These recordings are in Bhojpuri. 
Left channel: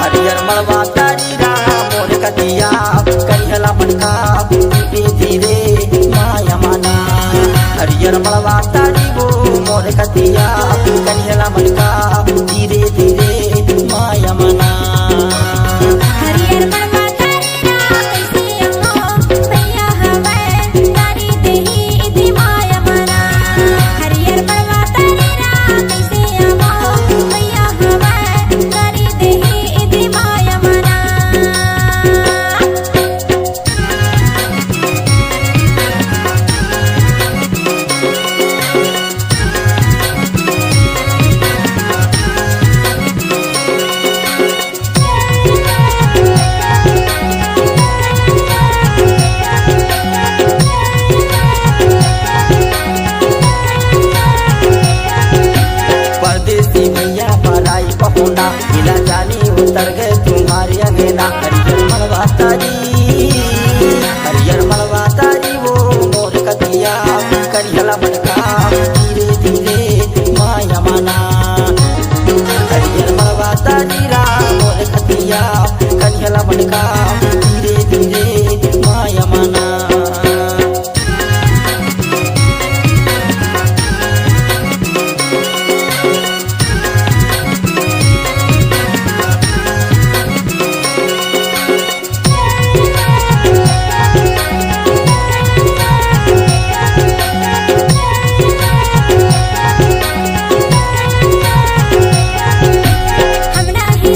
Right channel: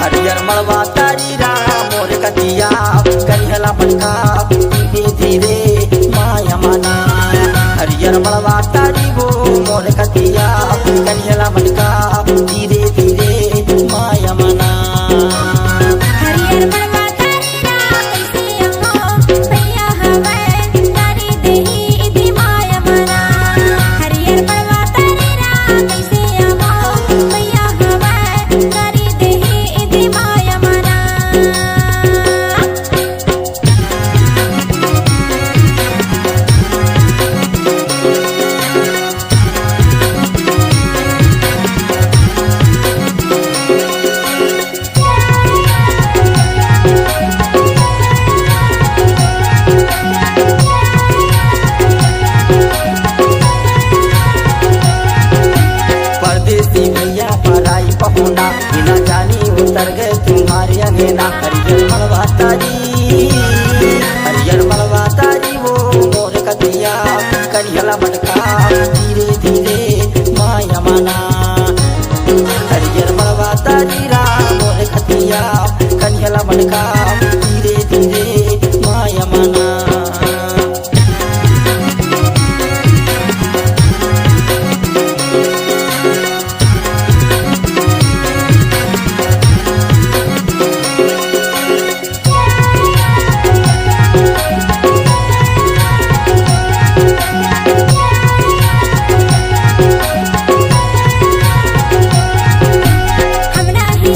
हरियर मड़वा तारी राम मोर कतिया करिहला मनका धीरे धीरे माया मना। हरियर मड़वा तारी वो मोर कतिया करिहला मनका धीरे धीरे माया मना। हरियर मड़वा तारी राम कैसे हो भैया हवे तारी देही इति माया मना। हरियर मड़वा तारी राम कैसे हो भैया हवे तारी देही इति माया मना। परदेसी भैया पराई पहुना बिना जानी उतर गए तुम्हारे अंगेना। हरियर मड़वा तारी हरियर मड़वा तारी वो मोर कतिया करिहला मटका धीरे धीरे माया मना। हरियर मड़वा तारी राम मोर कतिया करिहला मटका धीरे धीरे माया मना।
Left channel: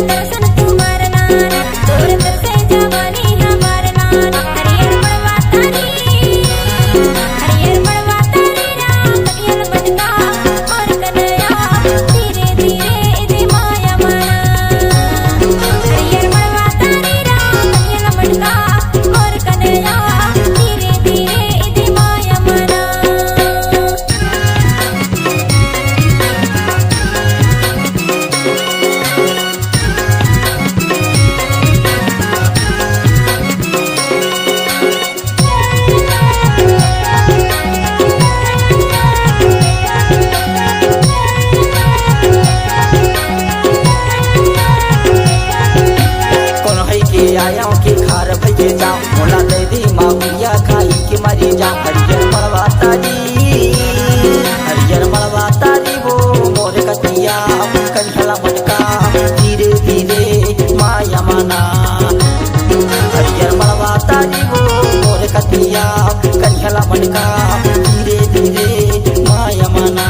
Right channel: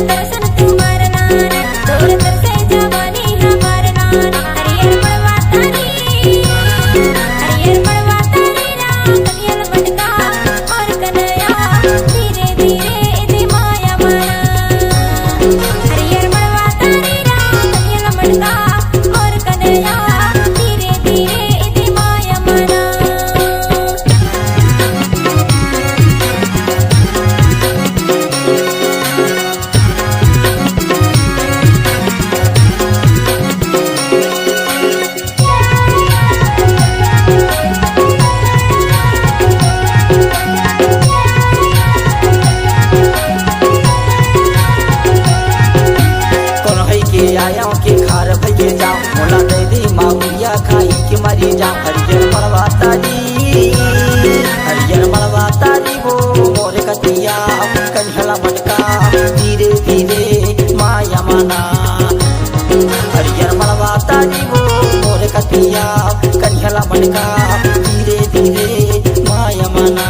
दर्शन तुम्हार नान तोर तरसे जवानी हमार नान। हरियर मड़वा तारी राम कनियल मटका और कन्हैया धीरे धीरे इति माया मना। हरियर मड़वा तारी राम कनियल मटका और कन्हैया धीरे धीरे इति माया मना। आया के खार भैया जाओ मोला दे दी माहुरिया खाई के मरी जाओ। हरियर मड़वा तारी वो मोर कतिया करिहला मटका धीरे धीरे माया मना। हरियर मड़वा तारी वो मोर कतिया करिहला मटका धीरे धीरे माया मना।